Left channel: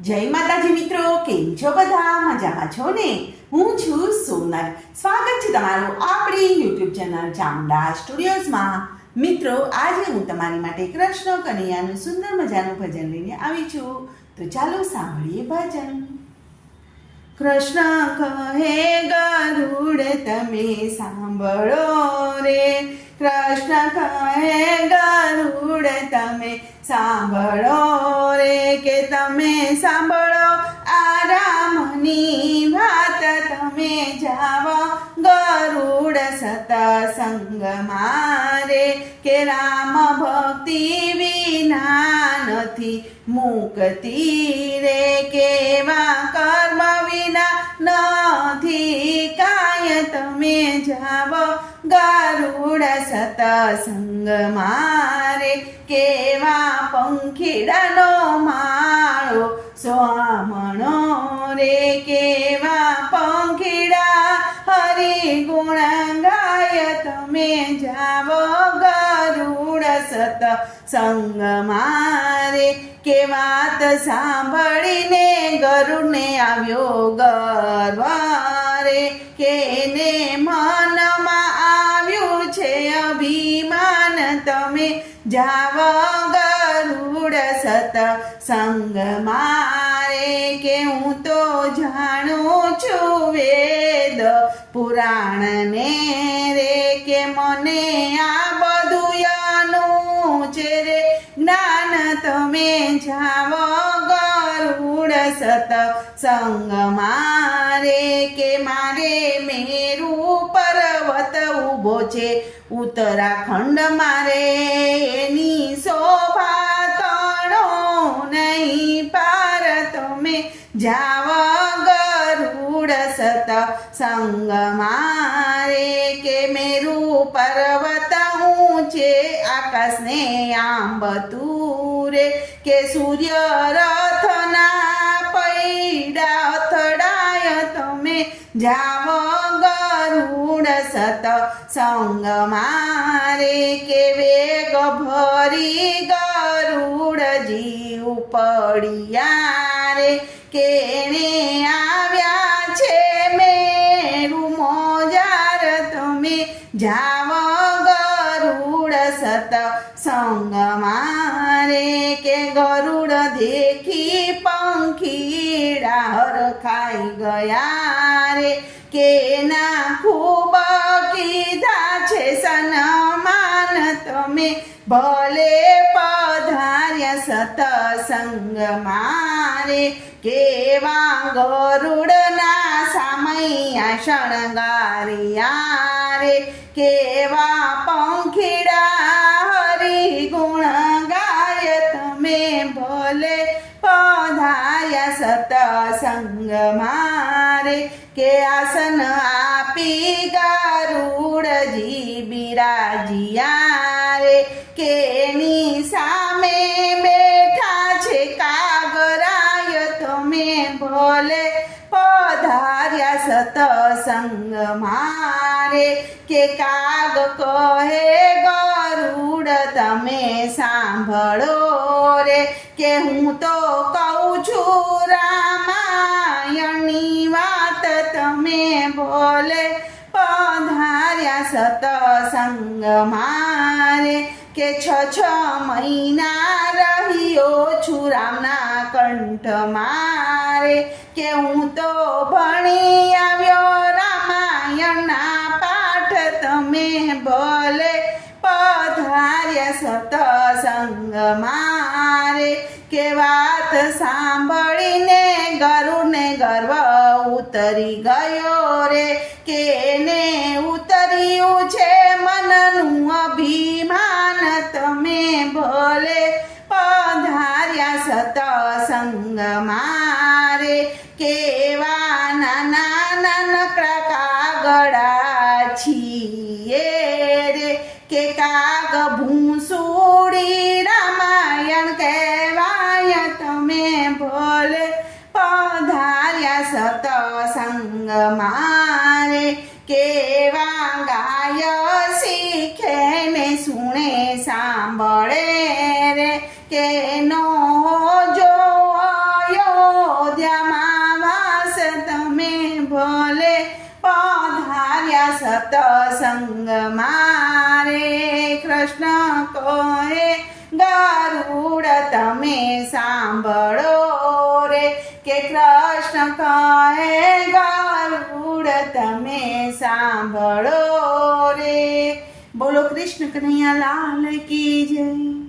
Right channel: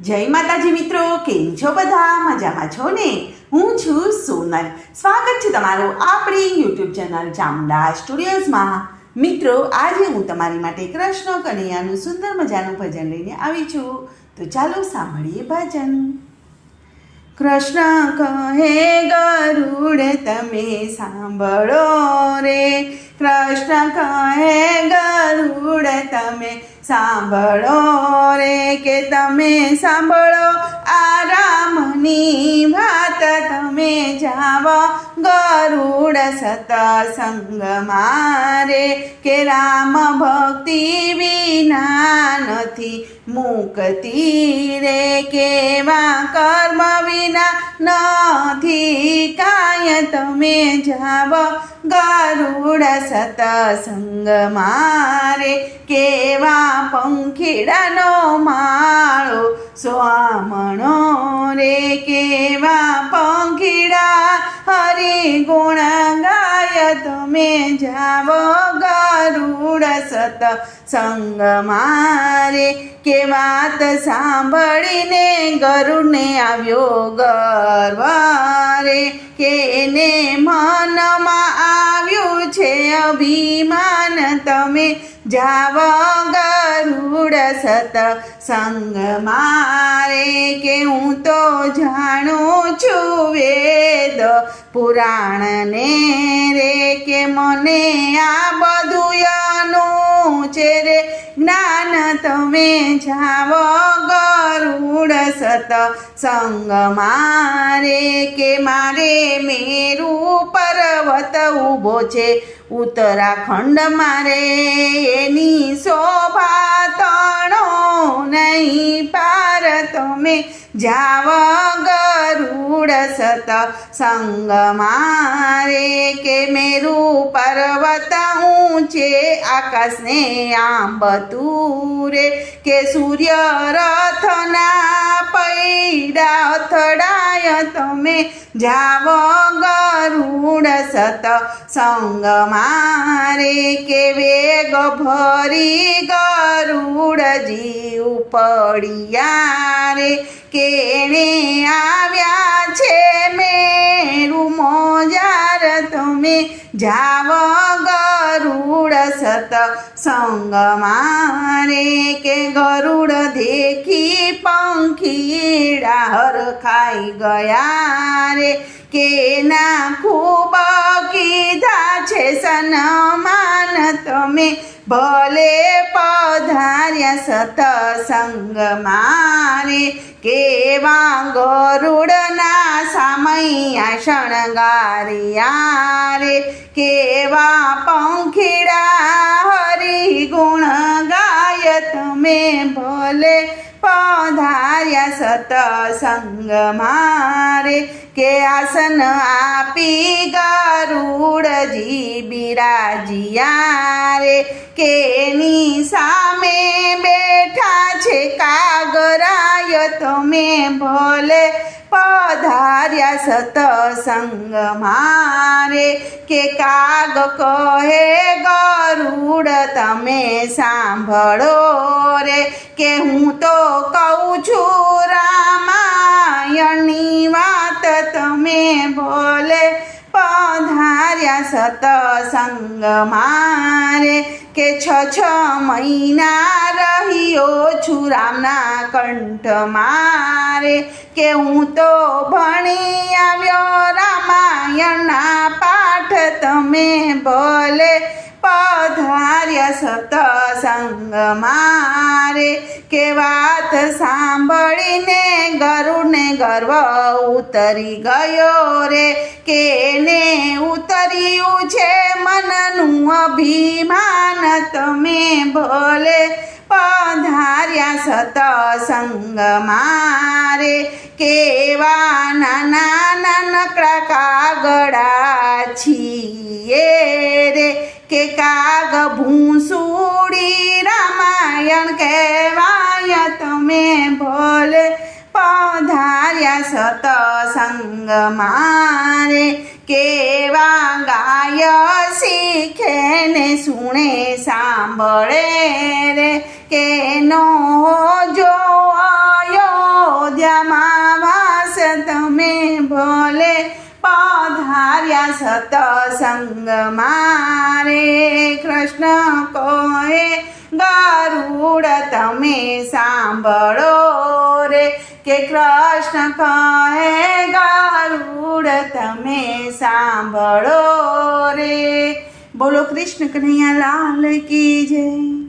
જય માતાજી મિત્રો, કેમ છો બધા? મજામાં છો ને? હું છું સોનલ. સ્વાગત છે તમારું આપણી યુટ્યુબ ચેનલ ચામુંડા સ્ટુડિયોઝમાં. મિત્રો, આજે હું તમારી માટે કૃષ્ણ કનૈયાનું સુંદર મજાનું ભજન લઈને આવી છું. તો ચાલો સાંભળીએ ભજન. કૃષ્ણ કહે ગરુડ તમે સાંભળો રે, કૃષ્ણ કહે ગરુડ તમે સાંભળો રે, કે તમે સાંભળો આ રામની વાત, તમે જાવો ગરુડ સતસંગમાં રે, કે રામ ભક્તિ વિના નથી મુક્તિ રે, કેવા કર્મ વિના નથી કાંઈ, તમે જાવો ગરુડ સતસંગમાં રે, કેવા પંખીડાનો માળો સ્વામણો રે, કેવા પંખીડા હરિ ગુણ ગાય, તમે જાવો ગરુડ સતસંગમાં રે, કે વાત સાંભળીને ગરુડને આવ્યો ગર્વ રે, કે એને મનમાં આવ્યું છે અભિમાન, તમે જાવો ગરુડ સતસંગમાં રે, કે હું તો જાણું છું વેદ પુરાણને રે, કે મને આ બધું છે રે જ્ઞાન, તમે જાવો ગરુડ સતસંગમાં રે, કે મારે મેરુ પર્વત ઊભો છે ઉત્તરાખંડ મારે, એની શોભા તણો નહીં પાર, તમે જાવો ગરુડ સતસંગમાં રે, કે મેરુ પર્વત ઊંચે આકાશને આંબતું રે, કે સૂર્ય રથના પૈડા અથડાય, તમે જાવો ગરુડ સતસંગમાં રે, કે વેગ ભરી ગરુડજી ઉપડ્યા રે, કે એને આવ્યા છે મેરુ મોજાર, તમે જાવો ગરુડ સતસંગમાં રે, કે ગરુડ દેખી પંખીડા હરખાઈ ગયા રે, કે ના ખૂબ કીધા છે સન્માન, તમે ભલે પધાર્યા સતસંગમાં રે, કેવા ગરુડના સામૈયા શણગાર્યા રે, કેવા પંખીડા હરિ ગુણ ગાય, તમે ભલે પધાર્યા સતસંગમાં રે, કે આસન આપી ગરુડજી બિરાજ્યા રે, કે એની સામે બેઠા છે કાગરાય, તમે ભલે પધાર્યા સતસંગમાં રે, કે કાગ કહે ગરુડ તમે સાંભળો રે, કે હું તો કહું છું રામાયણની વાત, તમે ભલે પધાર્યા સતસંગમાં રે, કે 6 મહિના રહ્યો છું રામના કંઠમાં રે, કે હું તો ભણી આવ્યો રામાયણના પાઠ, તમે ભલે પધાર્યા સતસંગમાં રે, કે વાત સાંભળીને ગરુડને ગર્વ ઉતરી ગયો રે, કે એને ઉતર્યું છે મનનું અભિમાન, તમે ભલે પધાર્યા સતસંગમાં રે, કેવા નાના નાનકડા કાગડા છીએ રે, કે કાગ ભૂંસુડી રામાયણ કહેવાય, તમે ભલે પધાર્યા સતસંગમાં રે, કેવા ગાય શીખે ને સુણે સાંભળે રે, કે નો જો આયો ભલે પધાર્યા સતસંગ મારે કૃષ્ણ કહે ગરુડ તમે સાંભળો રે કે કૃષ્ણ કહે ગરુડ તમે સાંભળો રે. બોલો કૃષ્ણ કનૈયા લાલ કી જય.